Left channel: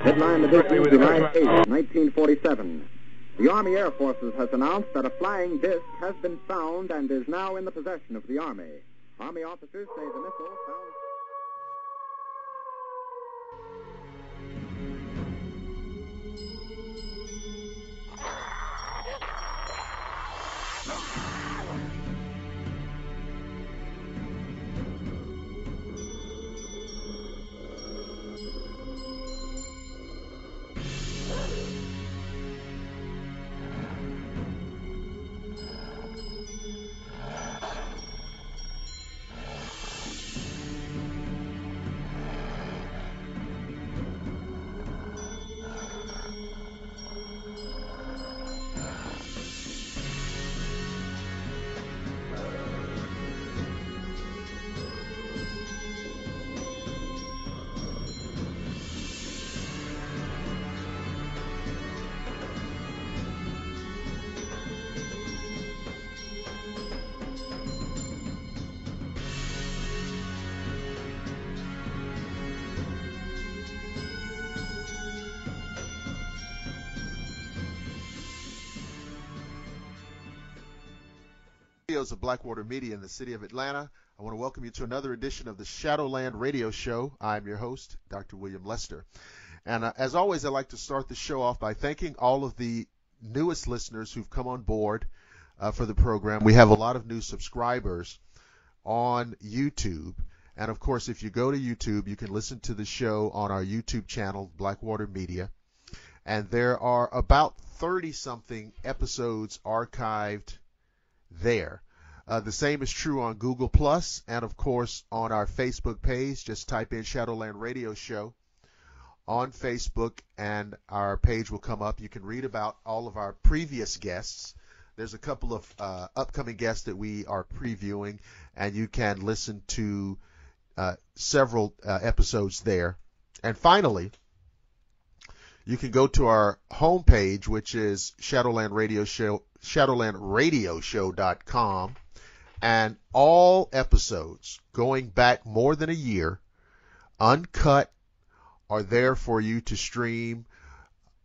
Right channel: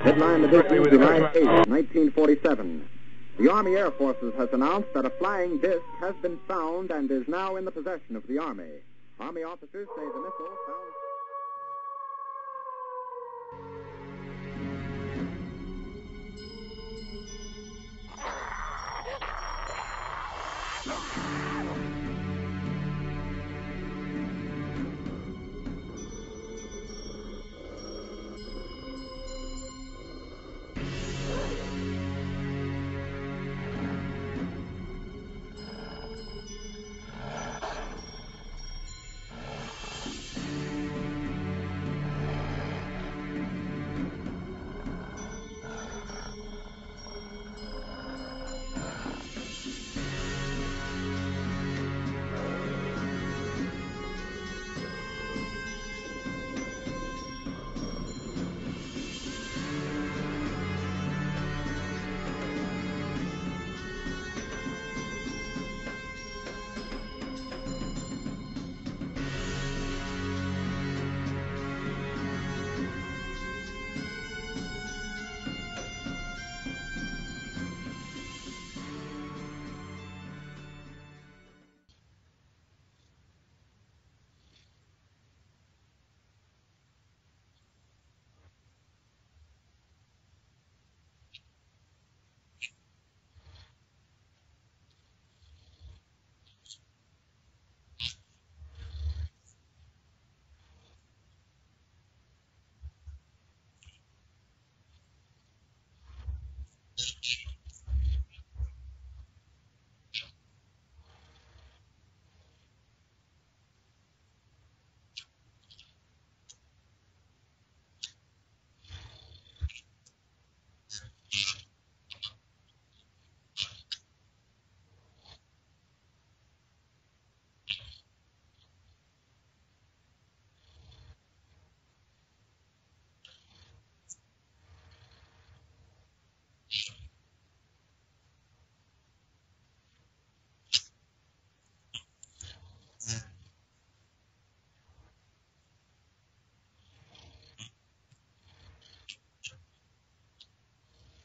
Headline edition, July 8, 1947. The Army Air Forces has announced that a flying disc has been found and is now in the possession of the Army. Army officers say the missile found... Of Blackwater Media in the city of Atlanta. I want to welcome you to another edition of the Shadowland Radio Show. I'm your host, Dr. William Lester. And as always, I'd like to start the show off by thanking all of the newest listeners who've come on board for the program. We have a lot of new subscribers on YouTube. And of course, if you go to YouTube, you can listen to the show on our YouTube channel, Blackwater Media. And there are about 30-something episodes archived there. The same is true on Google Plus and, of course, on our Facebook page. Just type in Shadowland Radio Show on Facebook, and our page will come up. You can read about all of our previous guests. There's a couple of upcoming guests that we are previewing, and you can listen to several episodes there. And finally, you can go to our homepage, which is shadowlandradioshow.com, and all episodes going back more than a year, uncut, are there for you to stream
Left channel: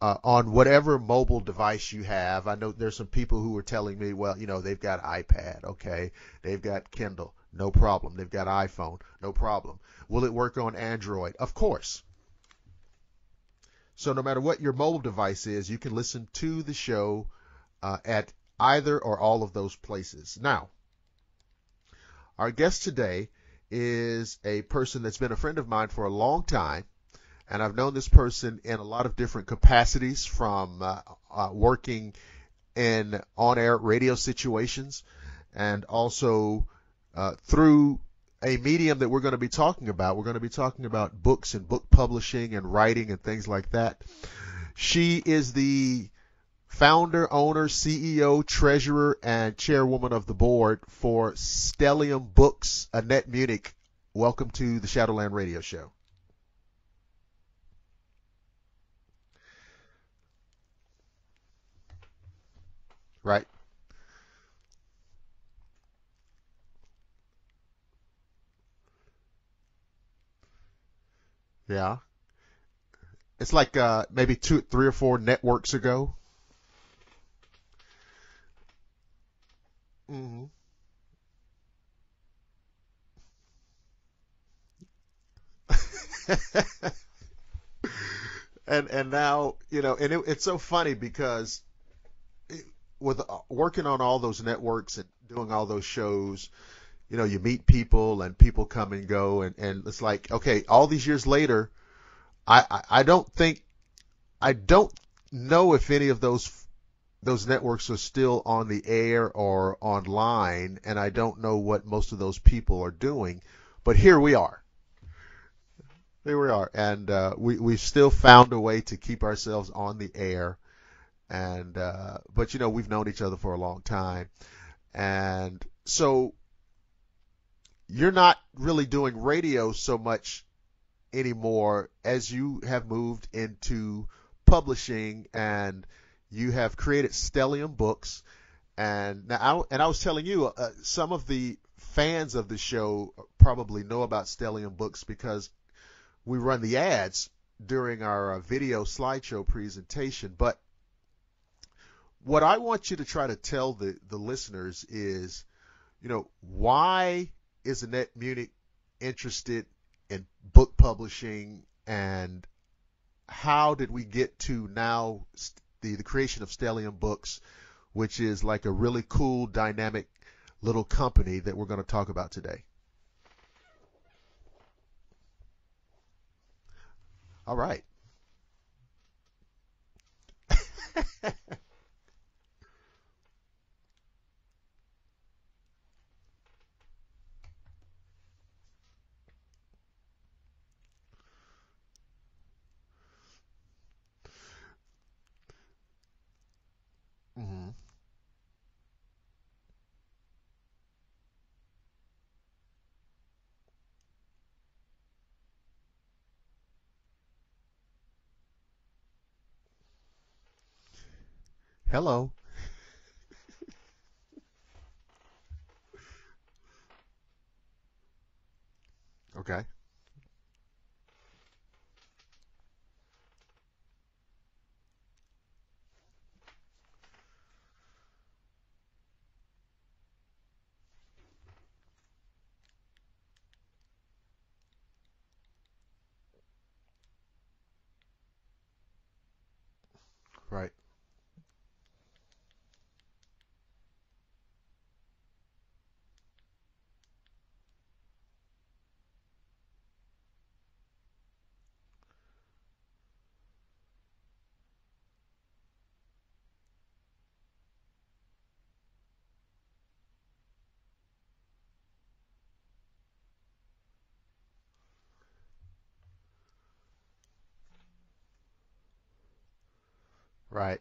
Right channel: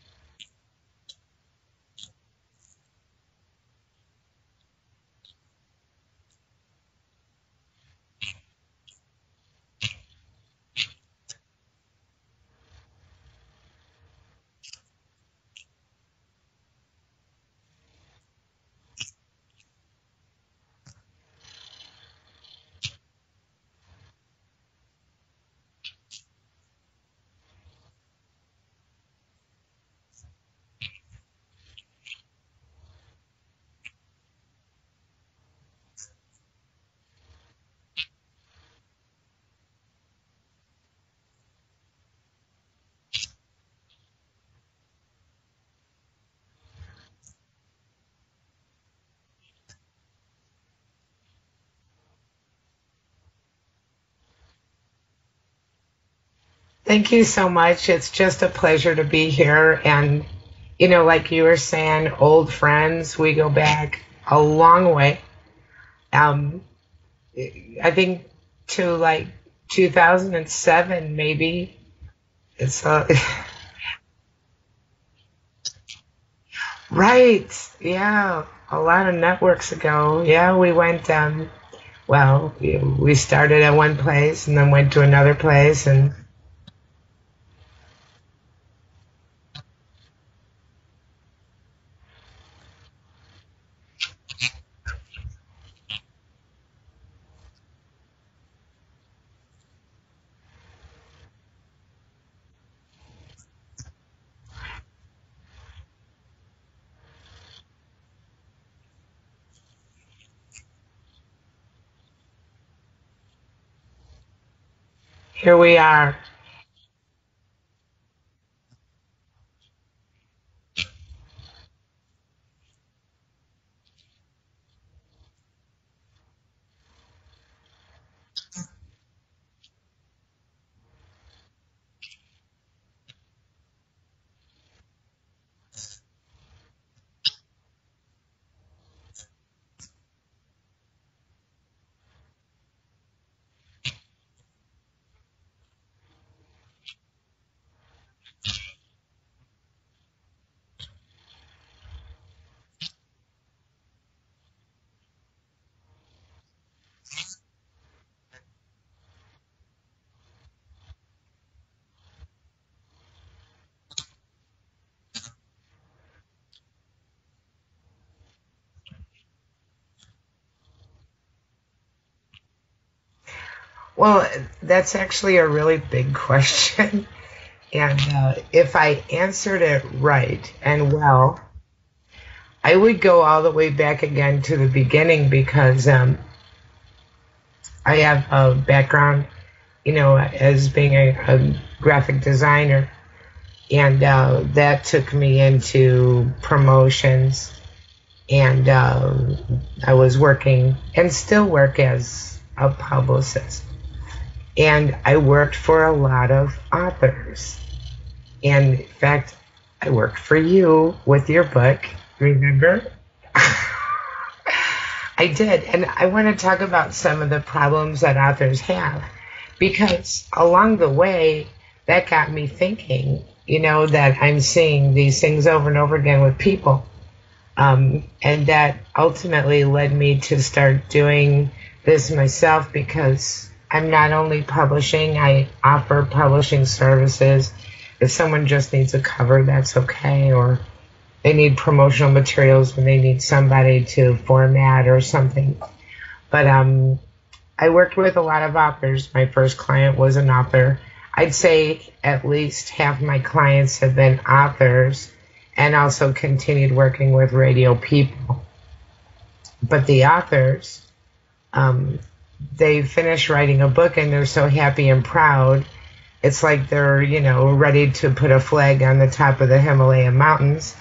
on whatever mobile device you have. I know there's some people who are telling me, well, they've got iPad, okay, they've got Kindle, no problem, they've got iPhone, no problem. Will it work on Android? Of course. So no matter what your mobile device is, you can listen to the show at either or all of those places. Now, our guest today is a person that's been a friend of mine for a long time, and I've known this person in a lot of different capacities, from working in on-air radio situations, and also through a medium that we're going to be talking about. We're going to be talking about books and book publishing and writing and things like that. She is the founder, owner, CEO, treasurer, and chairwoman of the board for Stellium Books. Annette Munnich, welcome to the Shadowland Radio Show. Thank you so much. It's just a pleasure to be here. And, like you were saying, old friends, we go back a long way. I think to like 2007, maybe. Yeah. It's like maybe 3 or 4 networks ago. Right. Yeah. A lot of networks ago. Yeah, we went, we started at one place and then went to another place. And and now, and it's so funny because with working on all those networks and doing all those shows, you meet people and people come and go, and it's like, okay, all these years later, I don't know if any of those networks are still on the air or online, and I don't know what most of those people are doing, but here we are. Here we are. And we've still found a way to keep ourselves on the air, and but we've known each other for a long time, and so you're not really doing radio so much anymore as you have moved into publishing, and you have created Stellium Books. And now, I was telling you, some of the fans of the show probably know about Stellium Books because we run the ads during our video slideshow presentation. But what I want you to try to tell the listeners is, why is Annette Munnich interested in book publishing, and how did we get to now the creation of Stellium Books, which is like a really cool, dynamic little company that we're going to talk about today? Well, that's actually a really big question. All right. And if I answered it right and well, I would go all the way back again to the beginning because I have a background, as being a graphic designer. And that took me into promotions. And I was working and still work as a publicist. And I worked for a lot of authors. And in fact, I worked for you with your book. Hello. Remember? I did. And I want to talk about some of the problems that authors have. Okay. Because along the way, that got me thinking, that I'm seeing these things over and over again with people. And that ultimately led me to start doing this myself, because I'm not only publishing, I offer publishing services. If someone just needs a cover, that's okay. Or Right. they need promotional materials when they need somebody to format or something. But I worked with a lot of authors. My first client was an author. I'd say at least half my clients have been authors, and also continued working with radio people. But the authors, they finish writing a book and they're so happy and proud. It's like they're, ready to put a flag on the top of the Himalayan mountains. Right.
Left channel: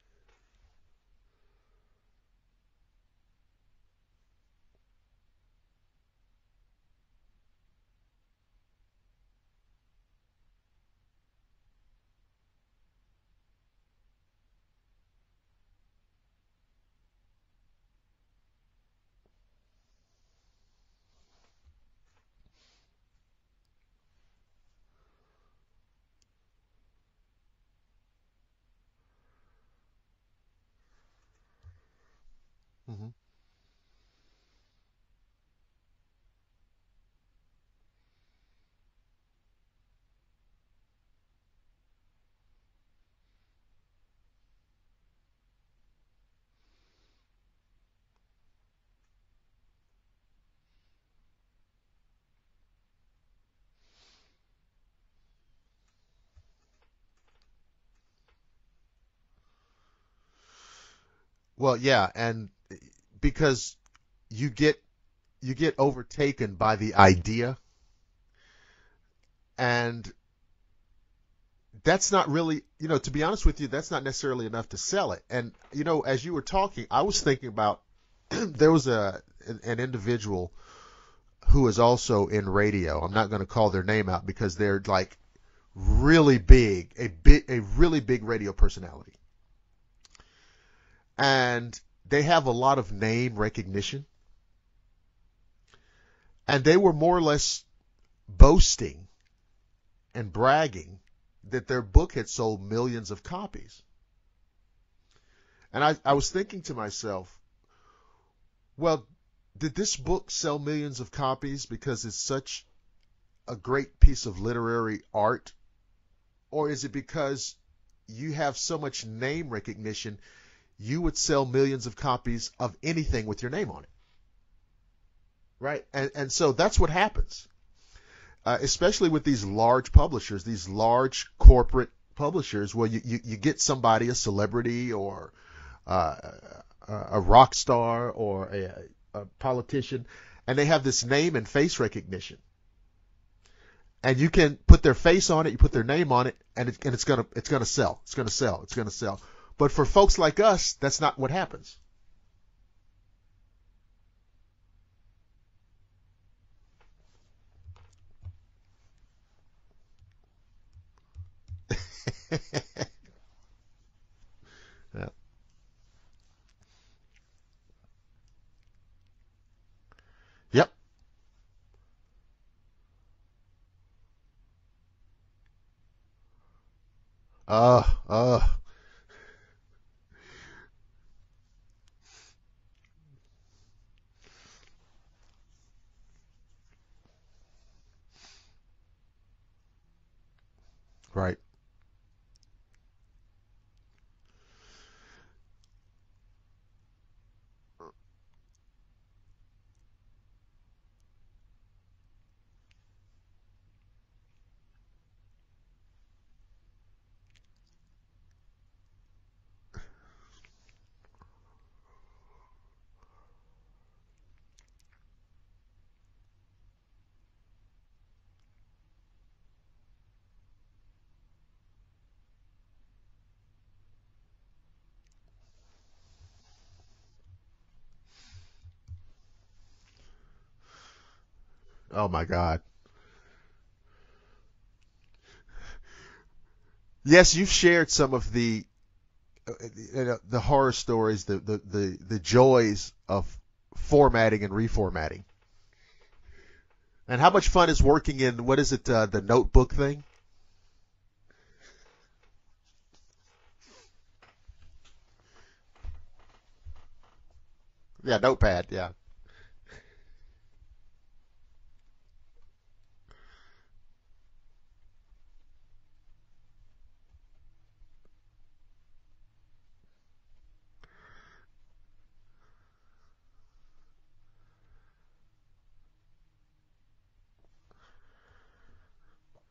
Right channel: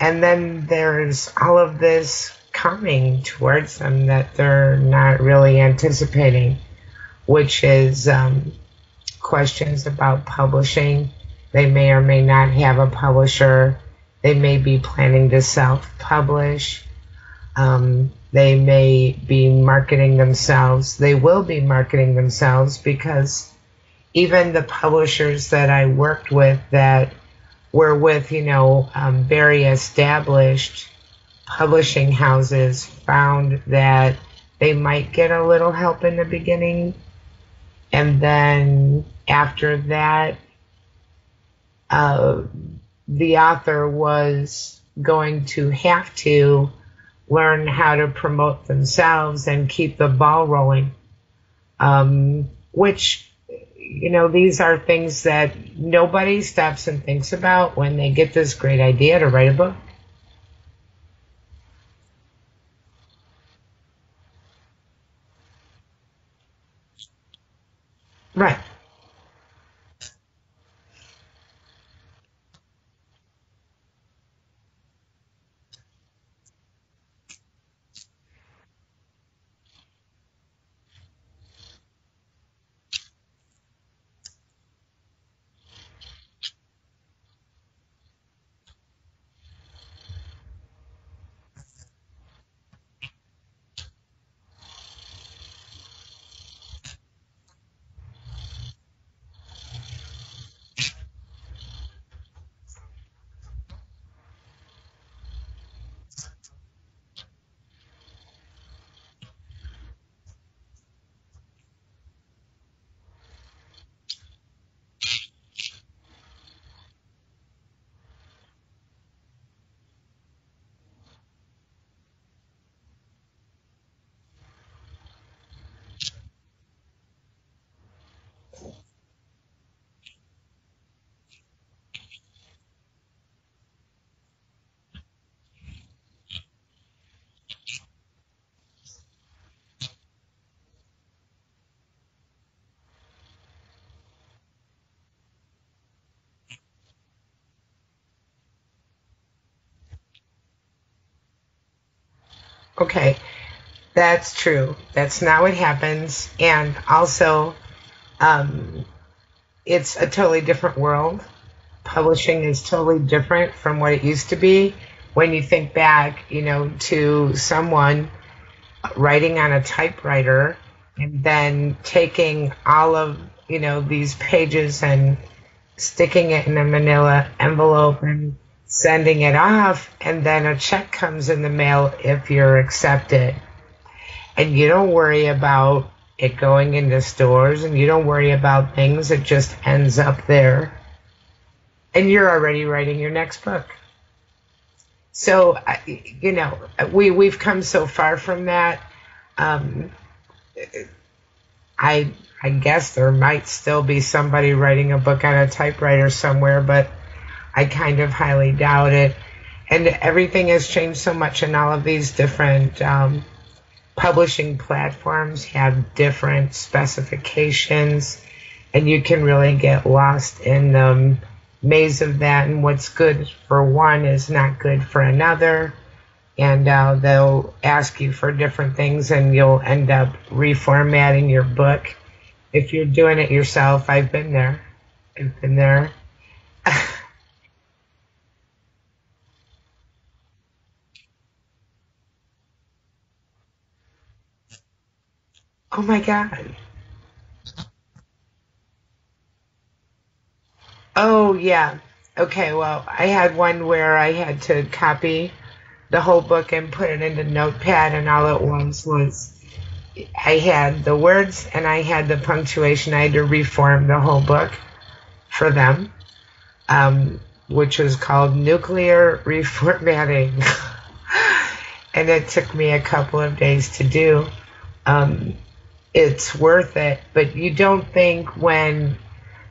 And then there's all of this coming towards them that they're not really anticipating, which is questions about publishing. They may or may not have a publisher. They may be planning to self-publish. They may be marketing themselves. They will be marketing themselves, because even the publishers that I worked with that were with, very established publishing houses found that they might get a little help in the beginning. And then after that, the author was going to have to learn how to promote themselves and keep the ball rolling, which, these are things that nobody stops and thinks about when they get this great idea to write a book. Well, yeah, and because you get overtaken by the idea. Right. And that's not really, to be honest with you, that's not necessarily enough to sell it. And, as you were talking, I was thinking about there was an individual who is also in radio. I'm not going to call their name out because they're like really big, a really big radio personality. And they have a lot of name recognition. And they were more or less boasting and bragging that their book had sold millions of copies. And I was thinking to myself, well, did this book sell millions of copies because it's such a great piece of literary art? Or is it because you have so much name recognition, you would sell millions of copies of anything with your name on it? Right? And so that's what happens. Especially with these large publishers, these large corporate publishers, where you get somebody, a celebrity or a rock star or a politician, and they have this name and face recognition. And you can put their face on it, you put their name on it, and it's gonna sell. It's gonna sell. But for folks like us, that's not what happens. Okay, that's true. That's not what happens. And also, it's a totally different world. Publishing is totally different from what it used to be. Yeah. When you think back, to someone writing on a typewriter, Yep. and then taking all of, these pages and sticking it in a manila envelope and sending it off, and then a check comes in the mail if you're accepted. And you don't worry about it going into stores, and you don't worry about things. It just ends up there. Right. And you're already writing your next book. So, we've come so far from that. I guess there might still be somebody writing a book on a typewriter somewhere, but I kind of highly doubt it. And everything has changed so much, and all of these different publishing platforms have different specifications, and you can really get lost in the maze of that, and what's good for one is not good for another, and they'll ask you for different things, and you'll end up reformatting your book. Oh my God. If you're doing it yourself. I've been there. Yes, you've shared some of the horror stories, the joys of formatting and reformatting. Oh my God. And how much fun is working in, what is it, the notebook thing? Oh yeah. Okay, well, I had one where I had to copy the whole book and put it into Notepad, and all Notepad, it was I had the words and I had the punctuation. I had to reform the whole book for them, which was called nuclear reformatting. And it took me a couple of days to do. It's worth it, but you don't think when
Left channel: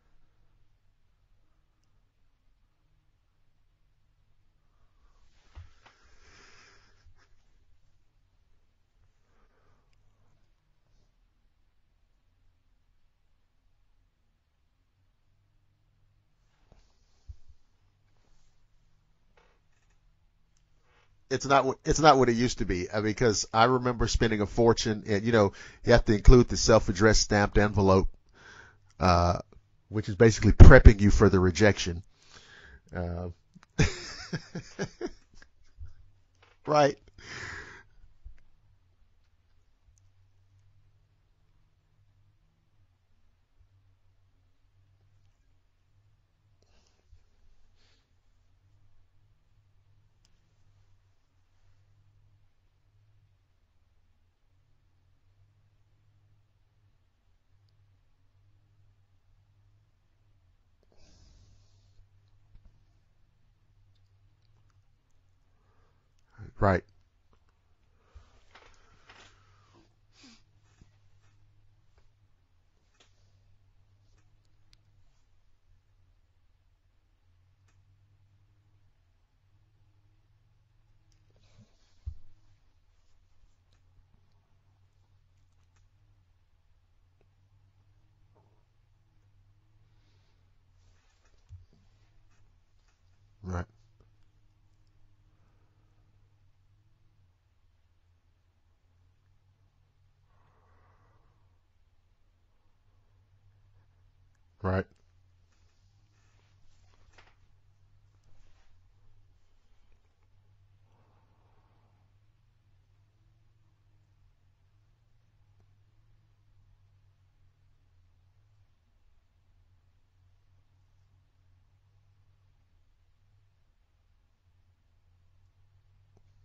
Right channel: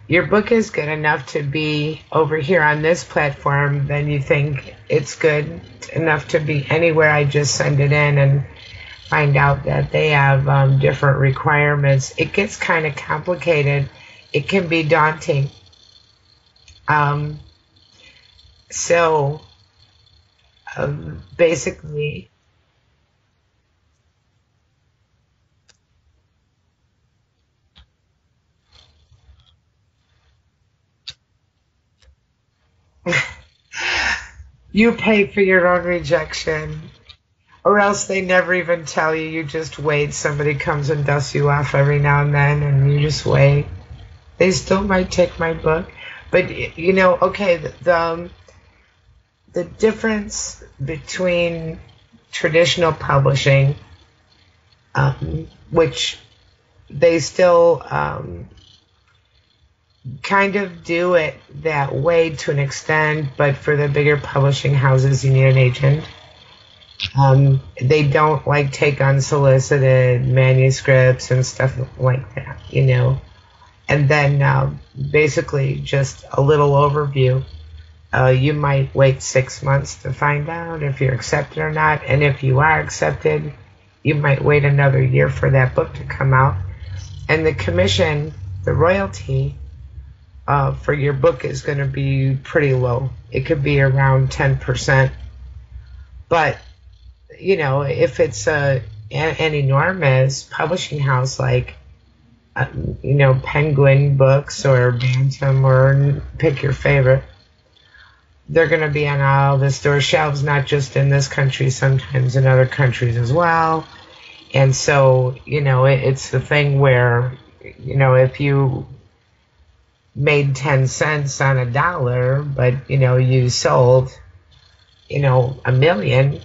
your book is good enough to be over here on this platform, then you think it's good enough to be anywhere. I just send it in and find out that they have different requirements. It gets kind of complicated. It can be daunting. It's not what it used to be, because I remember spending a fortune, and you have to include the self-addressed stamped envelope, which is basically prepping you for the rejection. You pay for your own rejection. Right. Or else they never even tell you. You just wait. Somebody comes and dusts you off every now and then, and you just wait. They still might take my book. But, okay, the difference between traditional publishing, which they still kind of do it that way to an extent, but for the bigger publishing houses, you need an agent. Right. They don't take unsolicited manuscripts and stuff like that, And then basically just a little overview. You might wait 6 months to find out if you're accepted or not. And if you are accepted, you might wait another year for that book to come out. And the commission, the royalty for your book is going to be pretty low. It could be around 10%. But, if it's an enormous publishing house like, Penguin Books or Bantam, or pick your favorite, they're going to be on all the store shelves, not just in this country, sometimes in other countries as well. And so, it's the thing where, if you made 10 cents on $1, but, you sold, 1 million,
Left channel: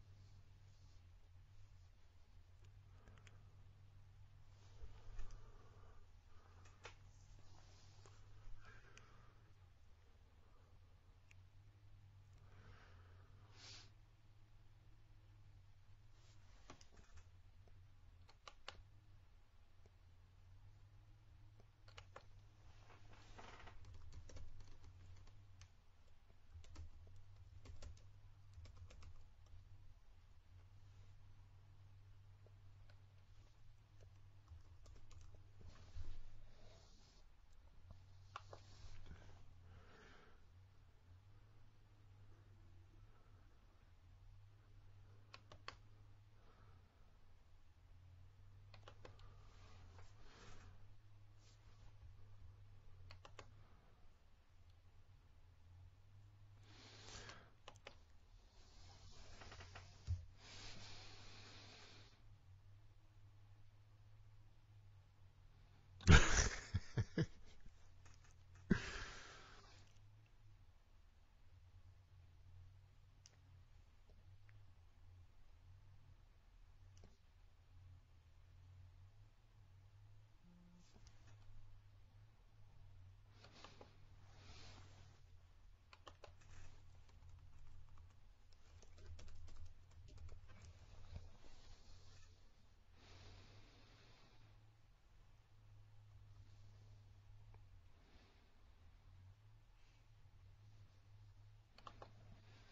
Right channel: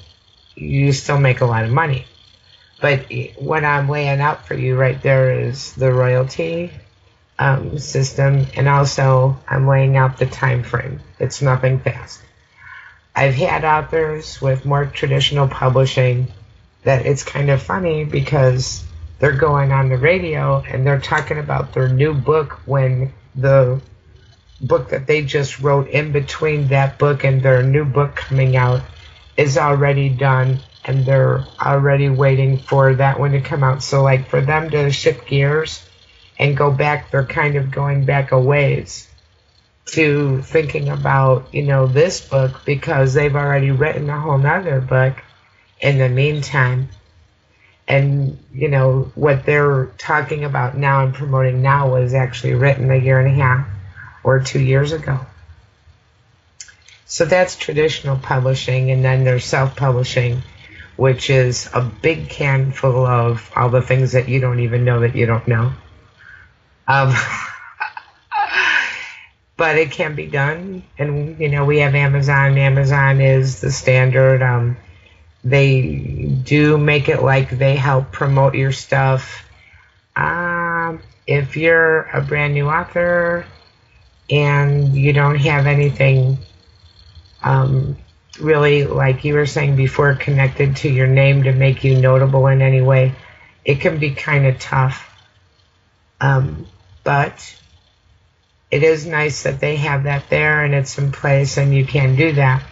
you still make a lot of money. But what I'm laying out for you right there is the royalty system, and also I'm laying out the time frame. It's nothing fast. I've had authors with more traditional publishing that it's kind of funny because they're going on the radio and they're talking about their new book when the book that they just wrote in between that book and their new book coming out is already done, and they're already waiting for that one to come out. So for them to shift gears and go back, they're kind of going back a ways to thinking about, this book, because they've already written a whole nother book in the meantime. And, what they're talking about now and promoting now was actually written 1.5 years or 2 years ago. So that's traditional publishing, and then there's self-publishing, which is a big can full of all the things that you don't even know that you don't know. Um, but it can be done. And, we have Amazon. Amazon is the standard. They do make it like they help promote your stuff. If you're a brand new author and you don't have anything really, like you were saying before, connected to your name to make you notable in any way, it can be kind of tough. But it is nice that they have that there and it's in place and you can do that.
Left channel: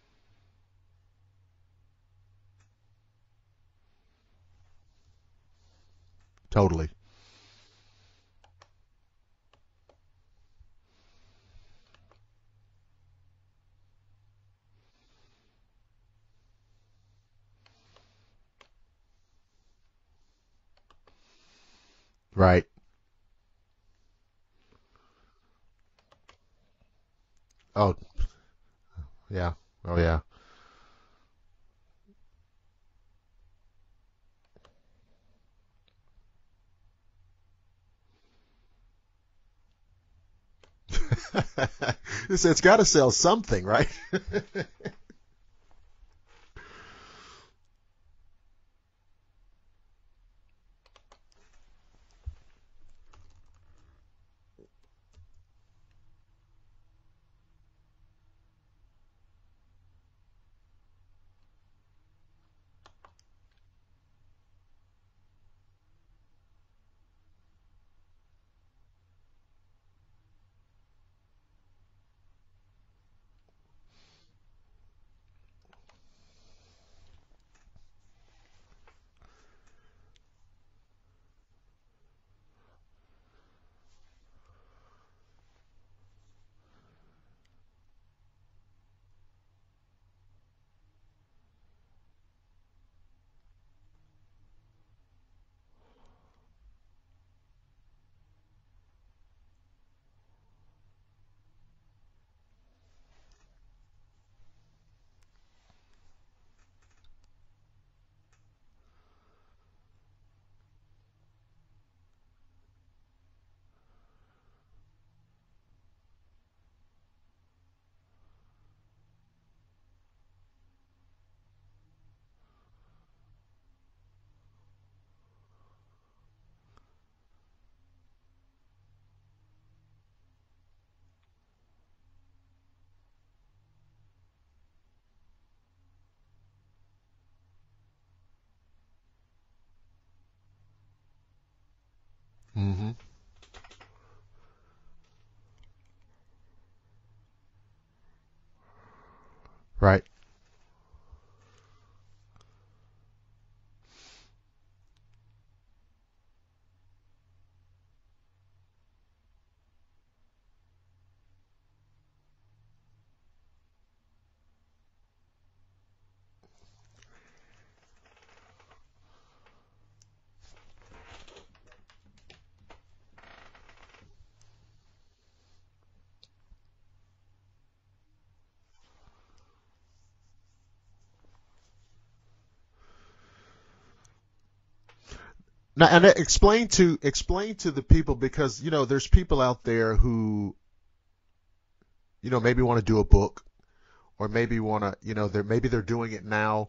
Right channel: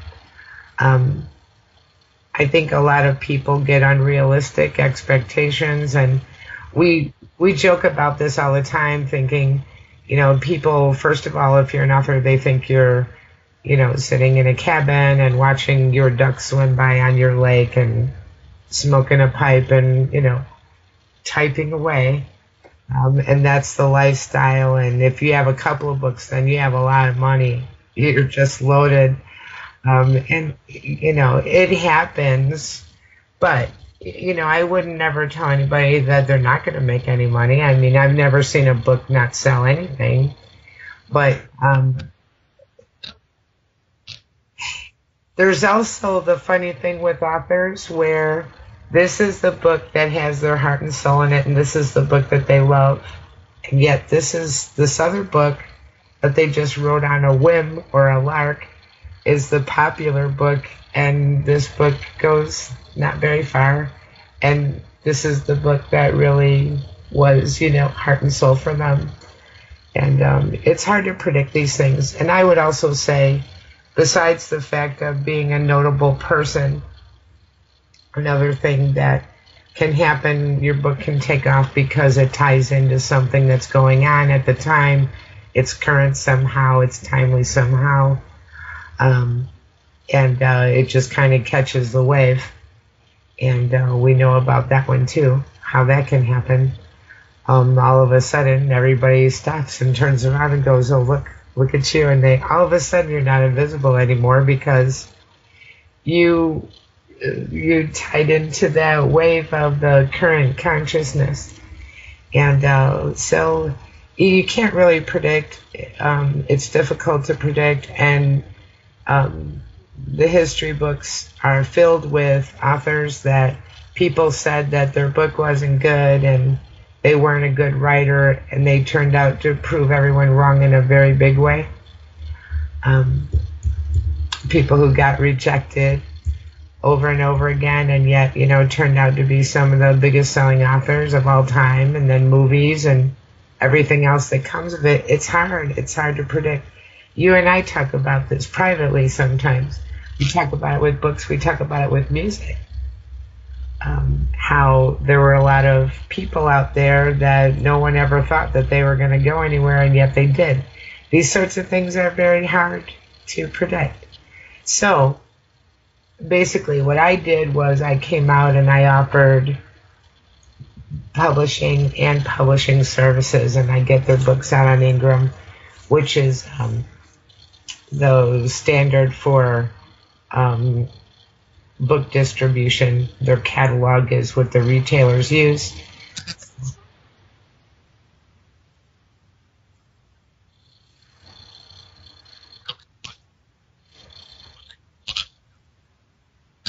I think a lot of people get unrealistic expectations, and Totally. we joke about this all the time, thinking, people, first of all, if you're an author, they think you're, sitting in a cabin and watching your ducks swim by on your lake and smoking a pipe and, typing away. Right. And that's the lifestyle. And if you have a couple of books, then you have a lot of money. Oh, You're just loaded. yeah. And, it happens. But, I would never tell anybody that they're not going to make any money. I mean, I've never seen a book not sell anything. But It's got to sell something, right? there's also the funny thing with authors where this is the book that has their heart and soul in it, and this is the book that they love. And yet this other book that they just wrote on a whim or a lark is the popular book, and this book goes not very far. And this is the book that really was, heart and soul for them. And it's hard to predict these things. And I would also say, besides the fact of being a notable person, another thing that can happen, your book can take off because it ties into something that's going on at the time. It's current somehow, it's timely somehow. And it just kind of catches the wave. And we know about that one too, how that can happen. All of a sudden, everybody stops and turns around and goes, "Oh, look at you!" And all of a sudden, you're not invisible anymore because you tied into that wave of the current consciousness. And so you can't really predict. It's difficult to predict, and the history books are filled with authors that people said that their book wasn't good and they weren't a good writer, and they turned out to prove everyone wrong in a very big way. People who got rejected over and over again, and yet, turned out to be some of the biggest selling authors of all time, and then movies and everything else that comes of it. It's hard to predict. You and I talk about this privately sometimes. Right. We talk about it with books, we talk about it with music. How there were a lot of people out there that no one ever thought that they were going to go anywhere, and yet they did. These sorts of things are very hard to predict. So basically what I did was I came out and I offered publishing and publishing services, and I get their books out on Ingram, which is the standard for book distribution. Their catalog is what the retailers use. Now, and explain to the people, because there's people out there who maybe want to do a book, or maybe want to maybe they're doing it now,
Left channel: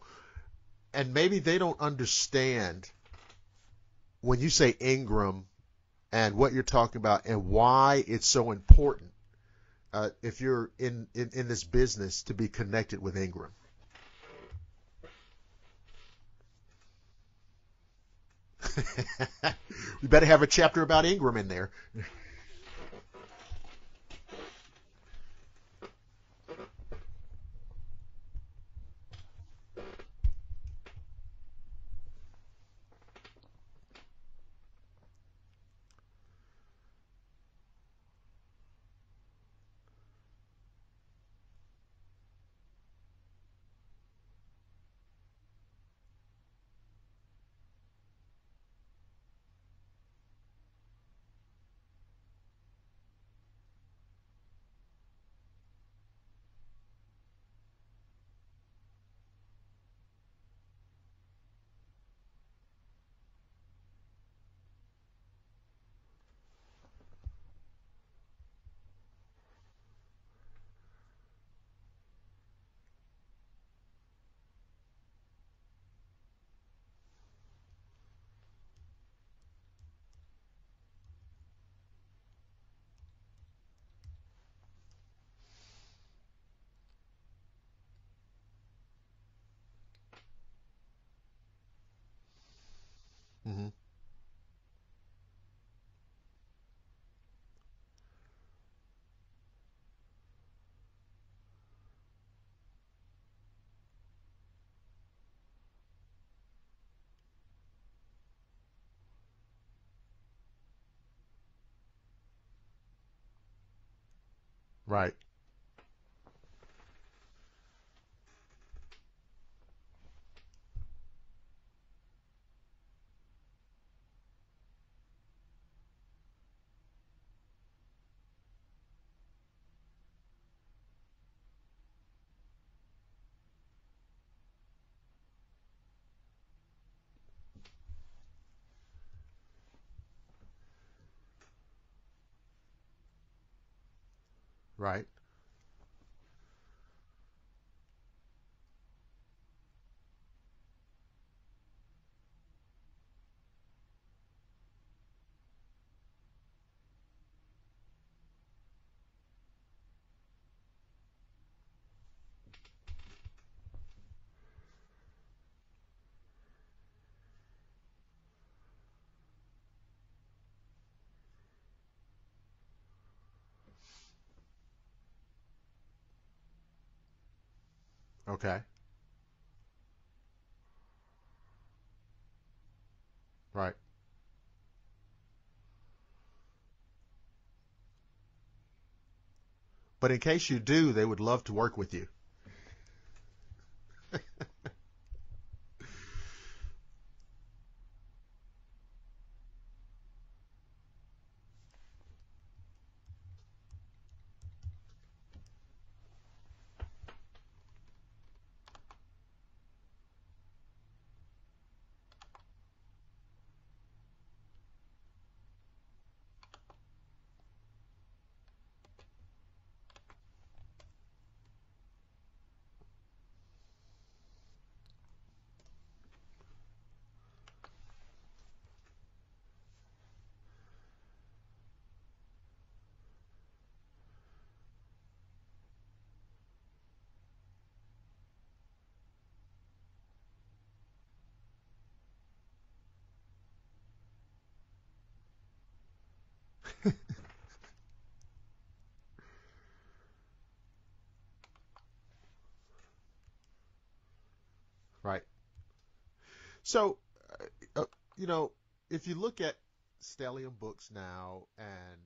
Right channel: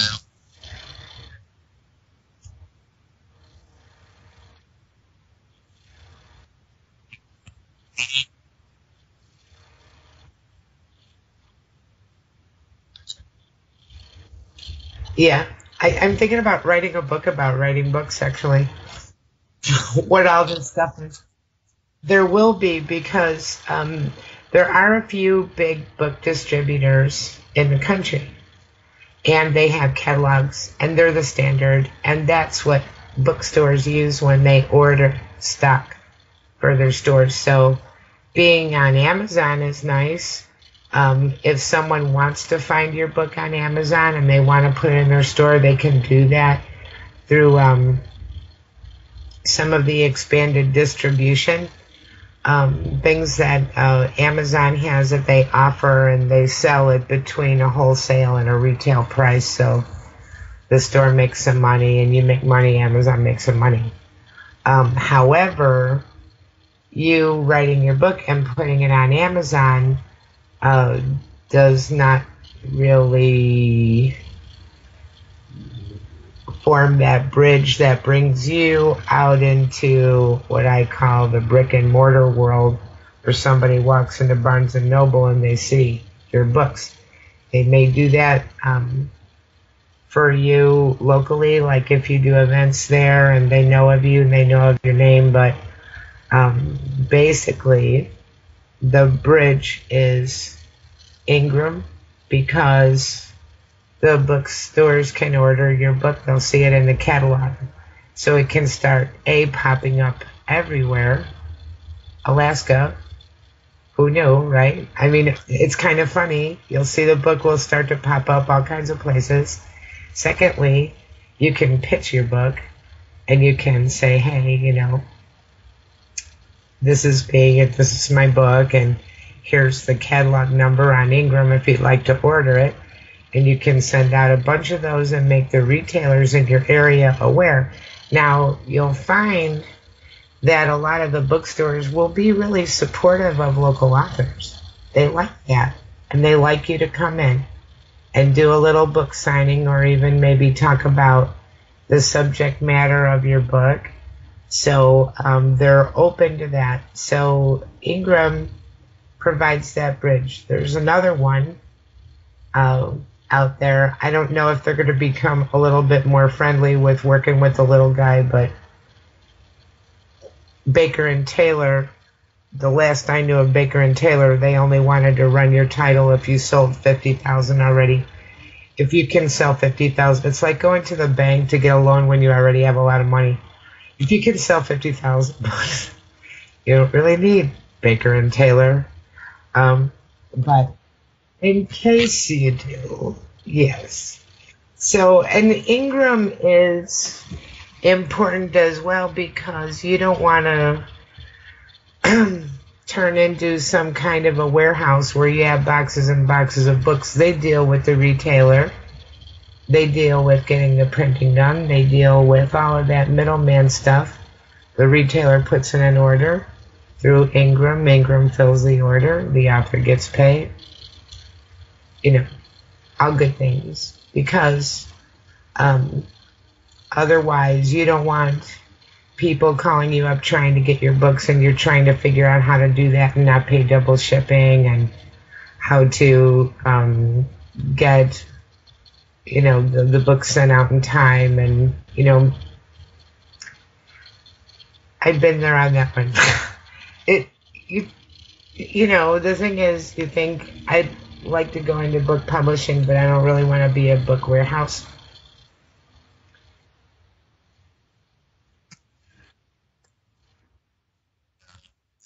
and maybe they don't understand when you say Ingram and what you're talking about and why it's so important if you're in this business to be connected with Ingram. Yeah, I'm thinking about writing a book about writing books, actually. What have a chapter about Ingram in there. There will be, because there are a few big book distributors in the country, and they have catalogs, and they're the standard, and that's what bookstores use when they order stock for their stores. So being on Amazon is nice. If someone wants to find your book on Amazon and they want to put it in their store, they can do that through some of the expanded distribution things that Amazon has that they offer, and they sell it between a wholesale and a retail price. So the store makes some money, and you make money, Amazon makes some money. However, you writing your book and putting it on Amazon uh, does not really form that bridge that brings you out into what I call the brick and mortar world, where somebody walks into Barnes and Noble and they see your books. They may do that for you locally, like if you do events there and they know of you and they know of your name, but basically the bridge is Ingram, because the bookstores can order your book. They'll see it in the catalog. So it can start popping up everywhere. Alaska, who knew, right? I mean, it's kind of funny. You'll see the book will start to pop up all kinds of places. Secondly, you can pitch your book and you can say, hey, this is me, and this is my book, and here's the catalog number on Ingram if you'd like to order it. And you can send out a bunch of those and make the retailers in your area aware. Now, you'll find that a lot of the bookstores will be really supportive of local authors. They like that. And they like you to come in and do a little book signing, or even maybe talk about the subject matter of your book. So they're open to that. So Ingram provides that bridge. There's another one out there. I don't know if they're going to become a little bit more friendly with working with the little guy, but Baker and Taylor, the last I knew of Baker and Taylor, they only wanted to run your title if you sold 50,000 already. Okay. If you can sell 50,000, it's like going to the bank to get a loan when you already have a lot of money. Right. If you can sell 50,000 books, you don't really need Baker and Taylor. But in case you do, they would love to work with you. In case you do, yes. So, and Ingram is important as well, because you don't want to turn into some kind of a warehouse where you have boxes and boxes of books. They deal with the retailer. They deal with getting the printing done. They deal with all of that middleman stuff. The retailer puts in an order through Ingram. Ingram fills the order. The author gets paid. All good things. Because otherwise, you don't want people calling you up trying to get your books, and you're trying to figure out how to do that and not pay double shipping, and how to get the books sent out in time. And I've been there on that one. The thing is, you think I'd like to go into book publishing, but I don't really want to be a book warehouse. Right. So, if you look at Stellium Books now, and